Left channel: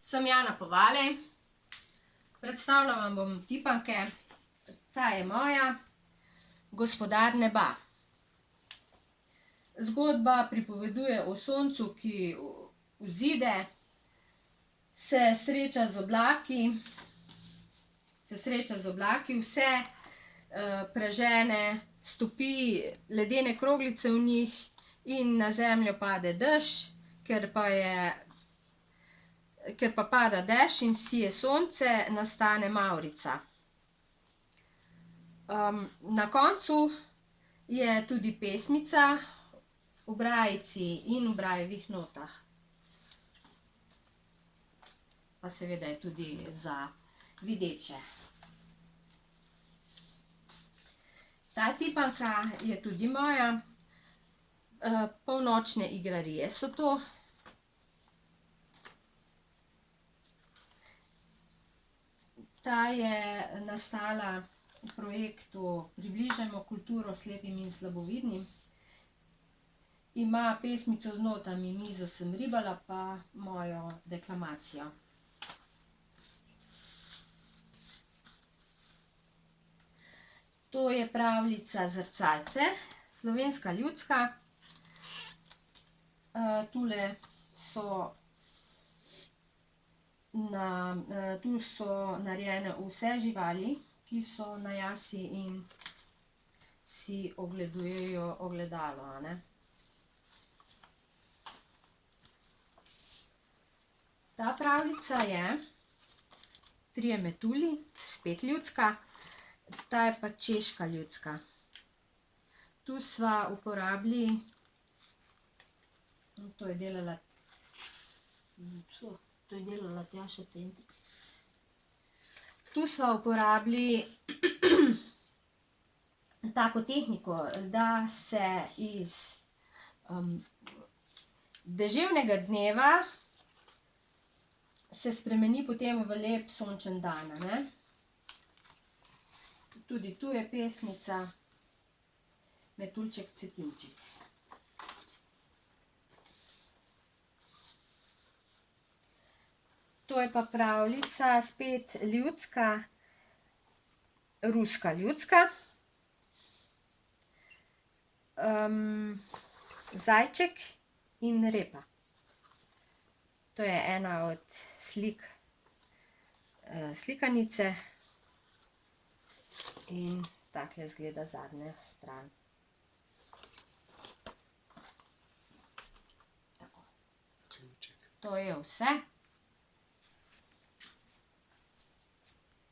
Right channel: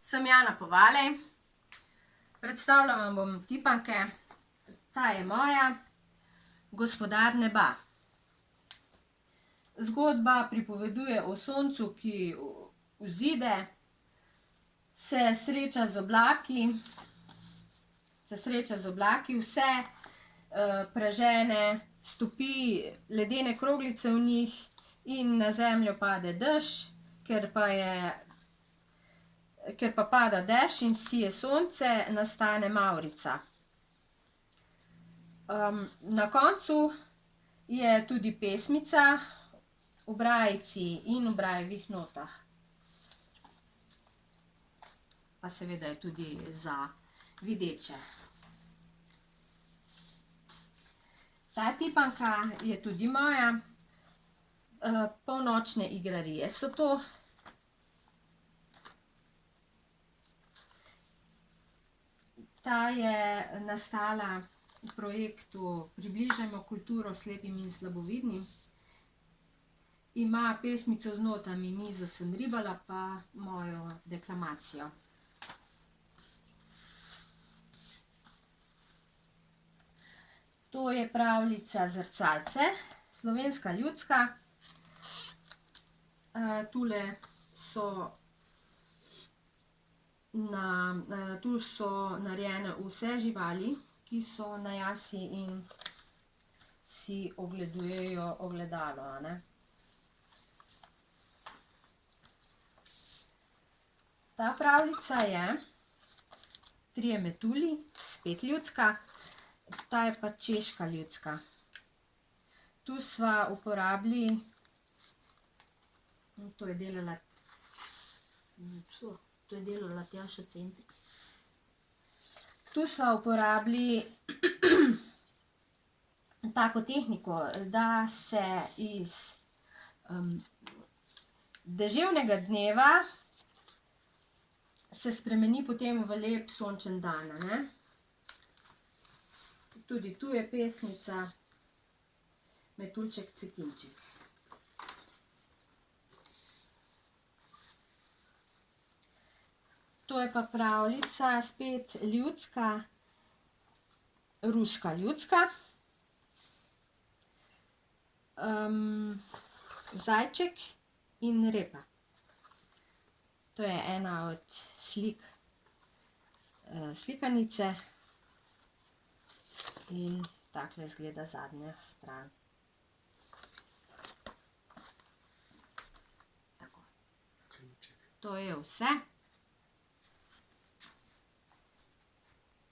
Sem Jana Povalej, predstavila vam bom tipanke. Ta je moja, Gospodar neba. Zgodba pripoveduje o soncu, ki vzide, se sreča z oblaki, vse prežene, stopi ledene kroglice v njih in na zemljo pade dež, ker pa pada dež in sije sonce, nastane mavrica. Na koncu je tudi pesmica v brajici in v brajevih notah. Pa seveda je tudi za videče. Ta tipanka je tudi moja. Polnočne igrarije so to. Ta je nastala v projektu Približajmo kulturo slepim in slabovidnim. Ima pesmico z notami Mizo sem ribala pa mojo deklamacijo. To je pravljica Zrcalce, slovenska ljudska. Tule so tu so narejene vse živali, ki so na jasi in si ogledujejo ogledalo, a ne. Ta pravljica je Trije metulji, spet ljudska. Ta je pa češka ljudska. Tu sva uporabili, to je delala Tjaša Centrik. Tu sva uporabili tako tehniko, da se iz deževnega dneva se spremeni potem v lep sončen dan, a ne. Tudi tu je pesmica Metuljček Cetinček. To je pa pravljica spet ljudska, ruska ljudska. Zajček in repa. To je ena od slik slikanice. In takole izgleda zadnja stran. Tako. To je vse.